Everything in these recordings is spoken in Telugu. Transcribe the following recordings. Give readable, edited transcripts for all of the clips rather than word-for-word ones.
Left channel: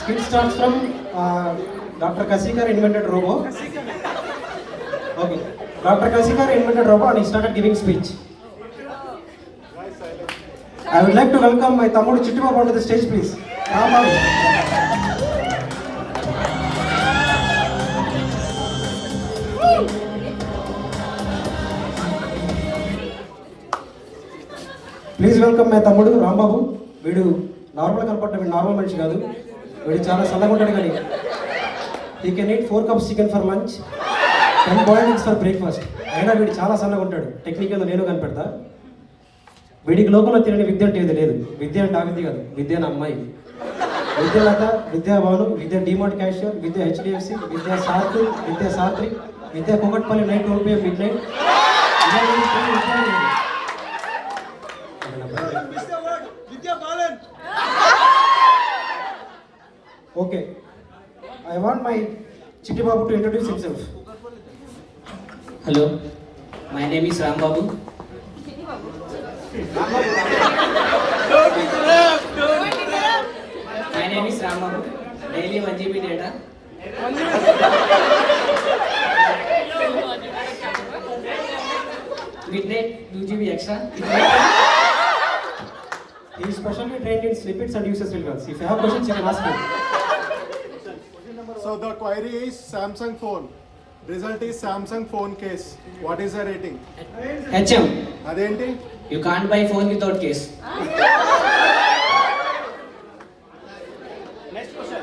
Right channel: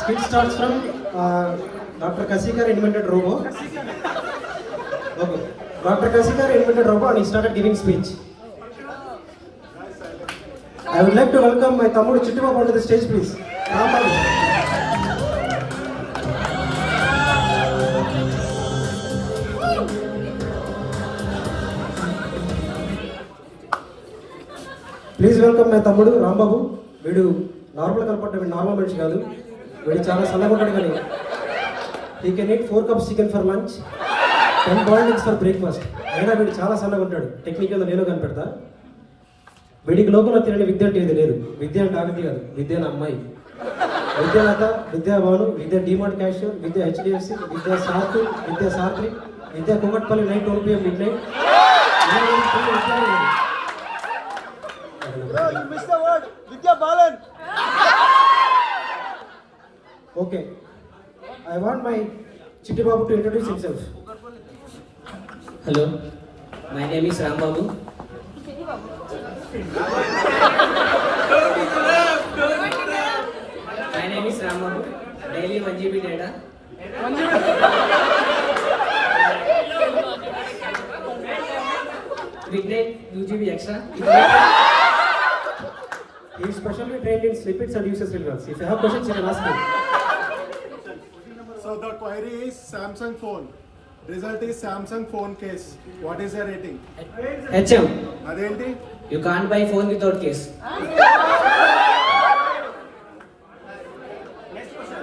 Skit starts from Dr. Kasikar invented robo. Okay. Dr. Kasikar invented robo and he started giving speech. I would like to welcome my Tamudu Chittibabu onto the stage, please. Rambabu. Please welcome my తమ్ముడు రాంబాబు. వీడు నార్మల్ కనపడ్డ, వీడు నార్మల్ మనిషి కాదు. వీడు చాలా సన్నగా ఉంటాడు, కానీ he can eat 4 cups chicken for lunch, 10 boiled eggs for breakfast. అయినా వీడు చాలా సన్నగా ఉంటాడు. టెక్నిక్ ఏదో నేను కనిపెడతా. వీడికి లోకంలో తెలియని విద్య అంటే ఏది లేదు. విద్య అంటే ఆగతి కాదు, విద్య నా అమ్మాయి. విద్యాలత, విద్యాభవనం, విద్య డిమార్ట్ క్యాషియర్, విద్య హెచ్డిఎఫ్సి, విద్యా సార్కి, విద్యా సాత్రి, విద్యా Kukatpally night 12 PM mid night. Okay, I want my Chittibabu to introduce himself. Hello, my name is Rambabu. My name is Rambabu. Daily 1 GB data. Midnight 2 GB extra. He is specially trained in snippets and uses filters. If you have questions, you can ask him. So the query is Samsung phone. Result is Samsung phone case. What is the rating? HM. Adenti? You can't buy phone without case. Next question.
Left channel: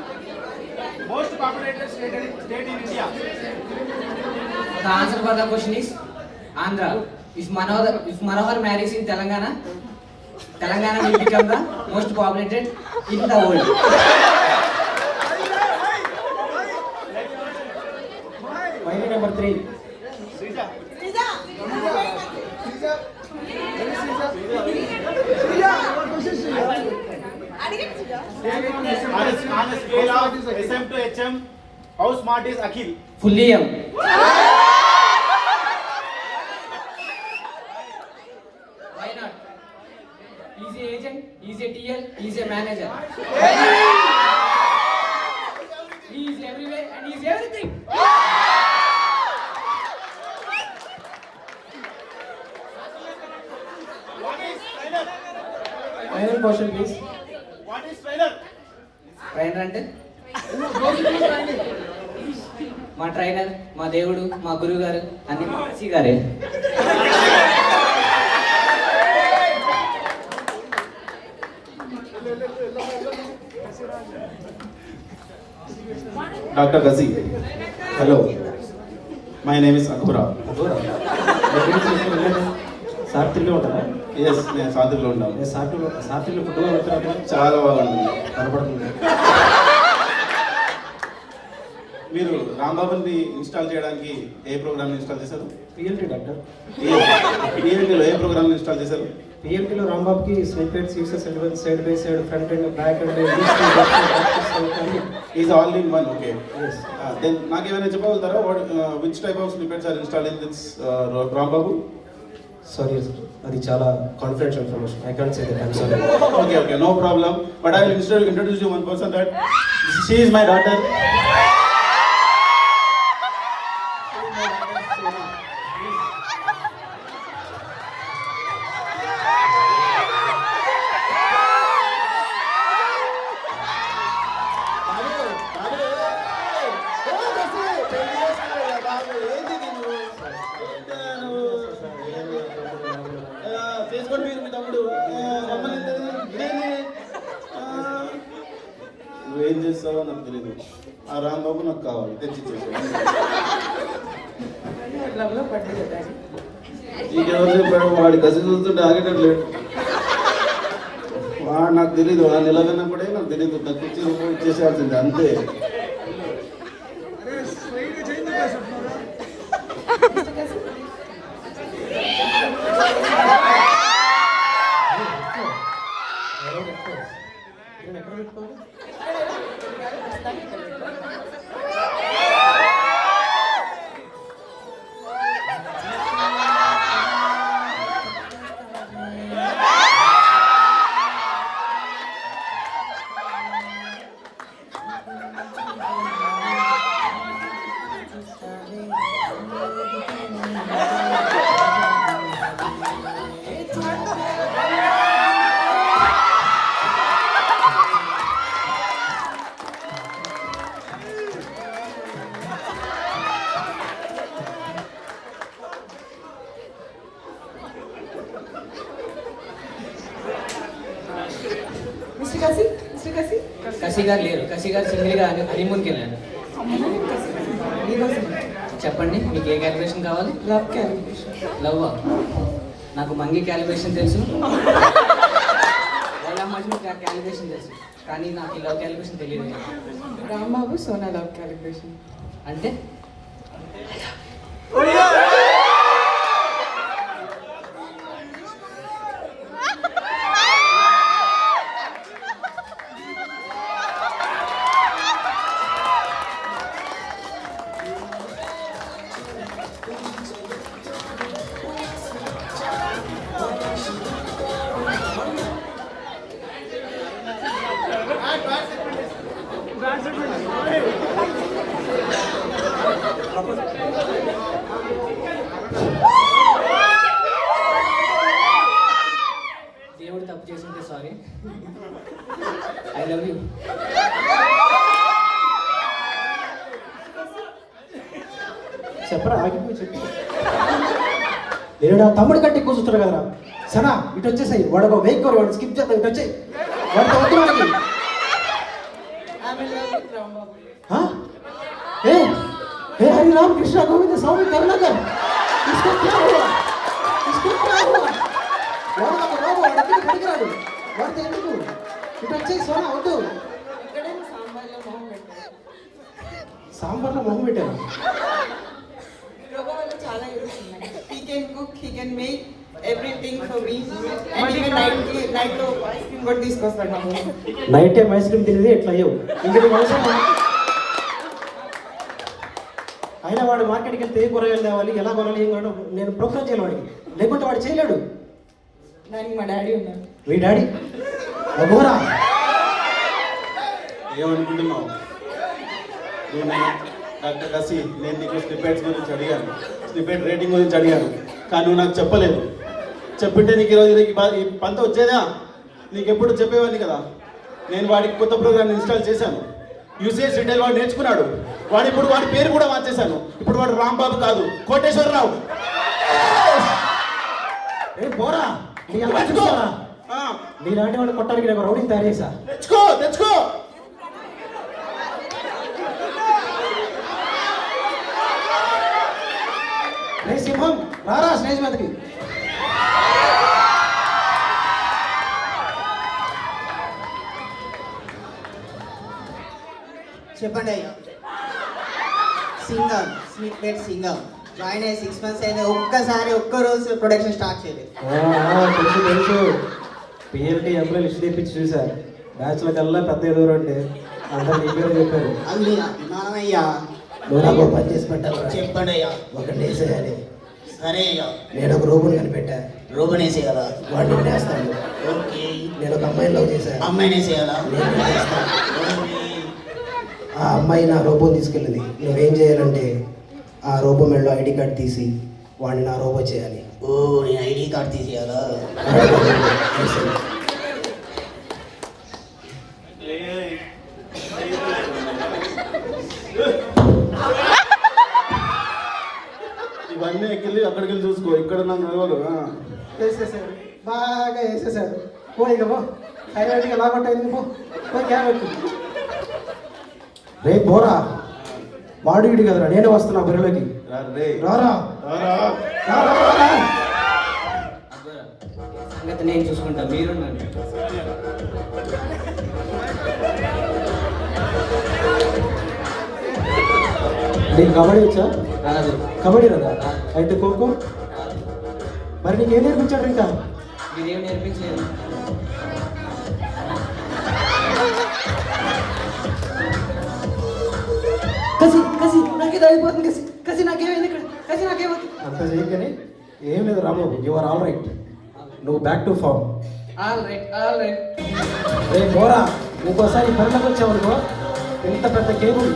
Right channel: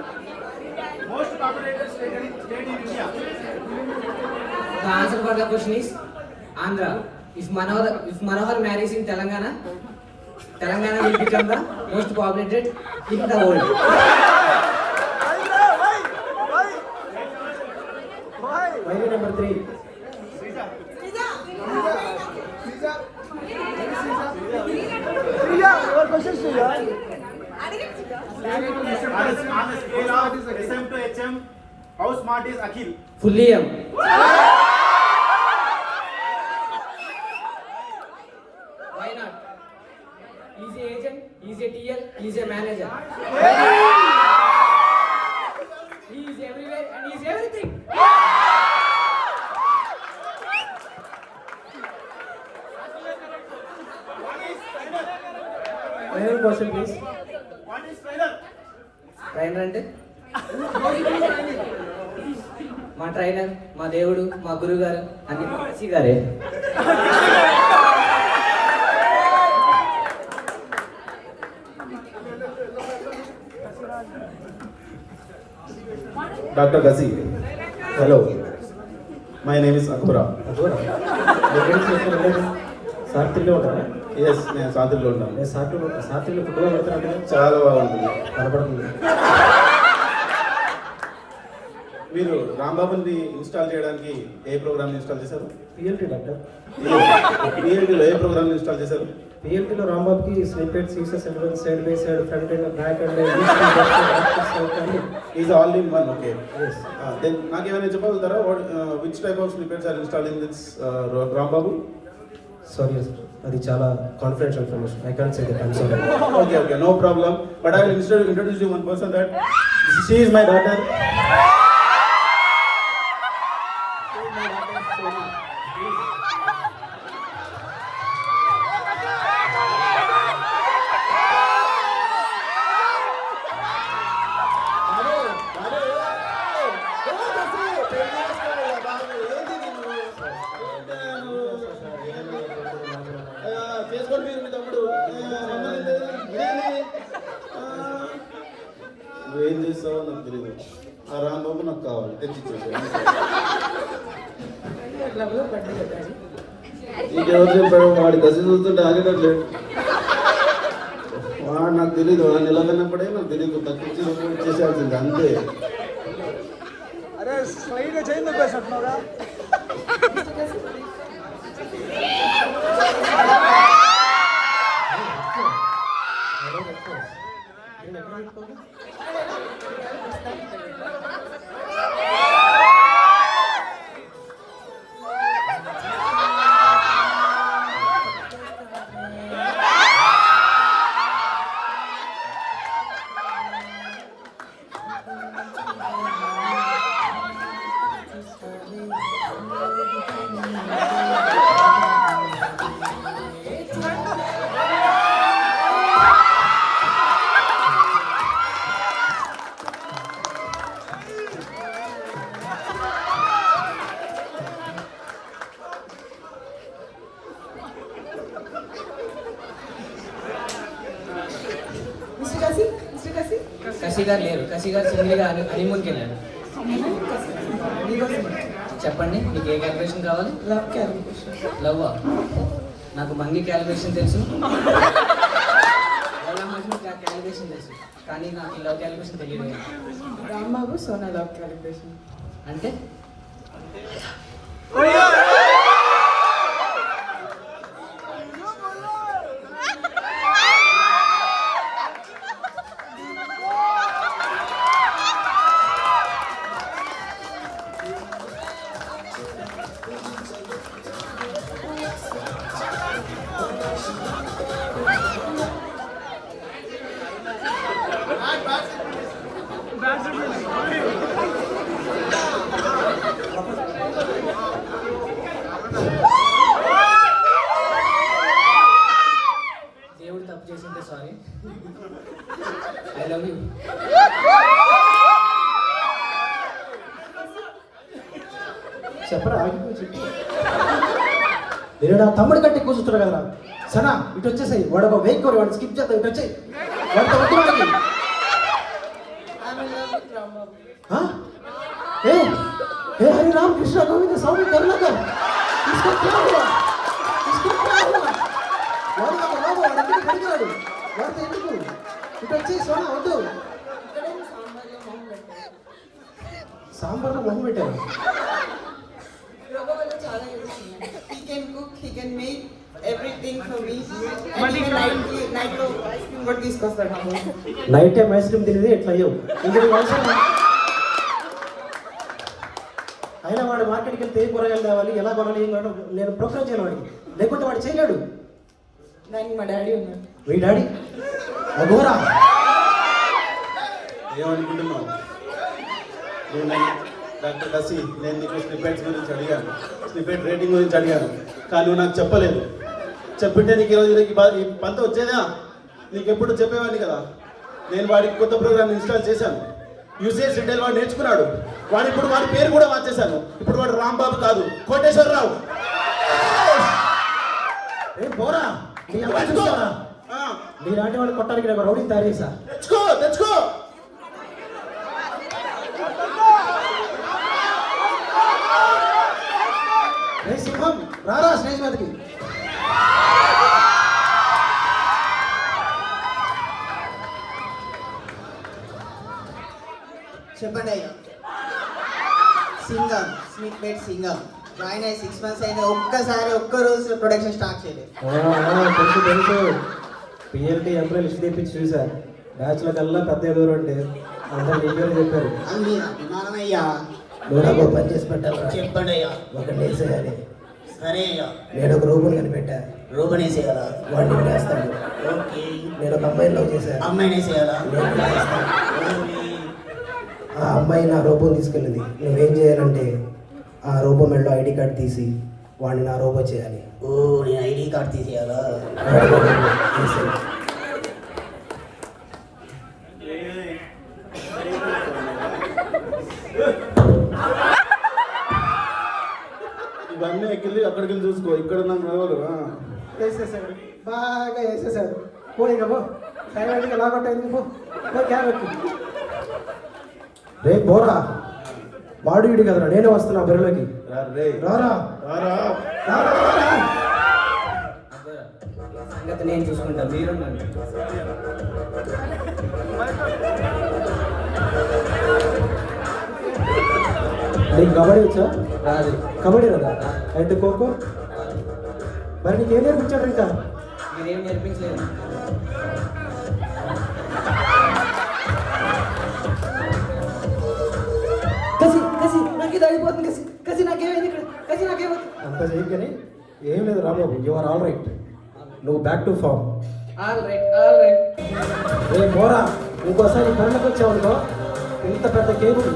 Most populated state in India. The answer for the question is Andhra. If Manohar marries in Telangana, Telangana will become the most populated in the world. Query number 3. On a scale of SM to HM, how smart is Akhil? Fully M. Why not? He's a agent, he's a TL, he's a manager. Why not? He is everywhere and he is everything. Final question, please. What is trainer? Trainer అంటే మా ట్రైనర్, మా దేవుడు, మా గురువు గారు అన్ని మా కాశీ గారే. Dr. Gazi. Hello. My name is Akura. సాత్రిలో ఉంటారా? Yes, నేను సాతిలో ఉన్నాను. సాత్రిలో ఫుడ్గా పెడతారా? చాలా బాగుంటుంది. కనపడుతుంది. మీరు రాంబాబుని ఇన్స్టాల్ చేయడానికి ఏ ప్రోగ్రామ్ ఇన్స్టాల్ చేశారు? PLT doctor. PLT లో ఏ ప్రోగ్రామ్ ఇన్స్టాల్ చేశారు? పిఎల్టీలో రాంబాబుకి snippets, uses, elements, side by side, front and back and is all in one. Okay. Yes. Then నాకేమైనా చెప్పగలుగుతారా? Which type of snippets are installed in this Rambabu? Sorry sir, అది చాలా confidential information. I can't say that. I'm sorry. Okay, no problem. But I will introduce you one person that she is my daughter. She is my daughter, Sona. Please. చేసుకోండి మీరు మీ తమ్ముడు. నువ్వేం చేస్తావో నాకు తెలియదు. ఆ రాంబాబు నాకు కావాలి, తెచ్చిచ్చేసాను. ఇంకెవరు చెప్పాడు? వాడి గసి చూస్తుంటే ఆగేటట్లేదు. వాడు నాకు తెలియదు. వాడు నిలవనప్పుడే నాకు తెలియదు. తప్పించినప్పుడు ఇచ్చేసాల్సింది అంతే. మిస్టర్ కసి కసి గారు లేరు, కసి గారు సింగిల్గా హనీమూన్కి వెళ్ళాడు. మీకోసం చెప్పండి మీకు ఏ క్యాలిక్యులేషన్ కావాలి? Love calculation. లవ్ నాకు మంగి క్యాలిక్యులేషన్ తెలుసు, వాళ్ళ మధ్య క్యాలిక్యులేషన్ తెలుసు, కానీ నాకు ఈ లవ్ క్యాలిక్యులేషన్ తెలియదు. Rambabu Sona love calculation. అంటే దేవుడు తప్పు చేసింటే సారీ, ఐ లవ్ యూ. చెప్పరా, ఆగిపోయి చెప్పు. నేను నా తమ్ముడు కంటే కూర్చుంటాడు కదరా. సనా ఇటు వచ్చేసాయి, వాడు ఒక వెయిట్ కోరు, వాడు స్కిప్ చేద్దాం, ఇటు వచ్చాయి, వాడితో వద్దు వాడికి. I'm in love with Rambabu. हाँ? ए हरि राम कृष्णा गोविंद स्वामी करुणाकर, इसको क्या हुआ? इसको क्या हुआ? వాడు ఒక బాబు, వాడు ఎందుకు పనికిరాడు, వాడితో ఎందుకు? ఇటు వచ్చేసి సోనా వద్దు. ఇక్కడే సాంబార్లో మొహం పెట్టారు. సాంబార్లో మొహం పెట్టారు. యోగా వల్ల చాలా యూజ్ ఉన్నాయి. He can cook, he can make everything for me. And even night లో ice cream కూడా తీసుకొస్తాడు మా కోసం. నైట్ టైం ఐస్ క్రీమ్ తినేది ఎట్లా అయ్యవు ఇంకా నీకు అవసరమా? అయినా వాడు మార్కెట్కి వెళ్తే ఏ కూరగాయలు తేవాలి, ఎలా కొనాలి, ఏం కొనాలి నేను ప్రోగ్రామ్ చేయాలి వాడికి, లేకుంటే వాడు చేయలేడు. దానికి మా డాడీ ఉన్నారు. మీ డాడీ అఘోరా. ఏమనుకుంటున్నావు డాక్టర్ కసి? నేను నీకు స్నిపెట్స్ గురించి అడిగాను, స్నిపెట్ రేటింగ్ గురించి అడిగాను, కానీ నువ్వు నాకు చెప్పలేదు. చెప్పింటే నీకు ఈరోజు ఈ పంత వచ్చేదా? నీకు ఎప్పుడు చెప్పేవాడిని కదా. నేను వాడికి కొత్త ప్రోగ్రామ్ ఇన్స్టాల్ చేశాను, యూసేజ్ డీటెయిల్ వాడు నేర్చుకున్నాడు. ఇప్పుడు వాడి పేరు కూడా మార్చేశాను. ఇప్పుడు వాడు రాంబాబు కాదు, కోటేశ్వరరావు. ఏ పోరా, నీ అమ్మ చూస్తావా? నీలాంటి వాడు కొట్టడానికి నేను రౌడీని తయారు చేశా. తెచ్చుకో తెచ్చుకో. రే సింహం రారా స్టేజ్ మీదకి. చెప్పండి అయ్యా. సింగం స్నిప్లెట్ సింగం జాయిన్ అయ్యి 6 months అయింది, ఒక్క రోజు ప్రొడక్షన్ స్టార్ట్ చేయలేదు. తెలుసు తెలుసు, పిఎల్టీ ఎంప్లాయ్ లిస్ట్ తెప్పించి చూసా. బ్యాచ్లో కల్లా పెద్ద ఎదురు ఉంటే అంతా నీ పేరు చెప్పారు. అది అభిమానం అయ్యా. నువ్వు నాకు ఒక పని చేసి పెట్టాలి. చెప్పండి అయ్యా. ఒకటి వేసేయాలి. సరే అయ్యా. నేను ఒక రూపం కనిపెట్టా, రూపన్ వేసేయాలా? వాడిని వేస్తాను. ఓకే. నేను ఒక అమ్మాయిని లవ్ చేశాను, అమ్మాయిని వేసేయాలా? నేను వేస్తాను. ఓకే. ఆ అమ్మాయి నా రోబో తీసుకెళ్ళింది. నువ్వేం చేయాలంటే ఆ రోబో మెడలో ఐడి కార్డ్ తీసి వాడిని నా రోబో చేయాలి. ఓ, నేను ఐడి కార్డ్ తీసేయాలా? ఇవన్నీ ఎక్కిళ్ళి అక్కడికి వెళ్ళి చూసుకో. ఇక్కడ నన్ను ఎవరు వేసేసాడు, బాగా వేసేసాడు. పో ఇక పో, సైలెంట్గా లాగొట్ట అయింది. పో క్యాబెట్. రే పోరా, వాడు ఇడు కదరా, నేనే వస్తున్నా బరిలోకి. రారా రారా. రారా రారా. అఘోరా సంగతి నేను చూసుకుంటా, మీరు నీకు కబడ్డీ వచ్చా? రాదు. కబడ్డీ రాదా? అయితే ఖోఖో. మరి నీకు ఏం నేర్పించాడు ఇంకా? మీరేం నేర్పించలేదు. కసి కసి నాకు ఇది అయిపోతుంది. కసి కసి నాకేమైంది ఇక్కడ? కసి నాకేమైంది? అంత చేయకని ఏం లేదు రాబాబు, యువర్ ఆల్ రైట్. నువ్వు back to form. All right all right. రే పోరా, ఇంకోసారి పనులకు వచ్చావు ఇంత పెద్ద కేబుల్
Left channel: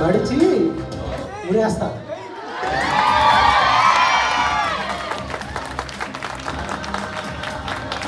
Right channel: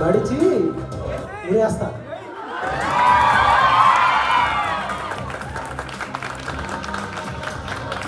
మడిచి ఉరేస్తా.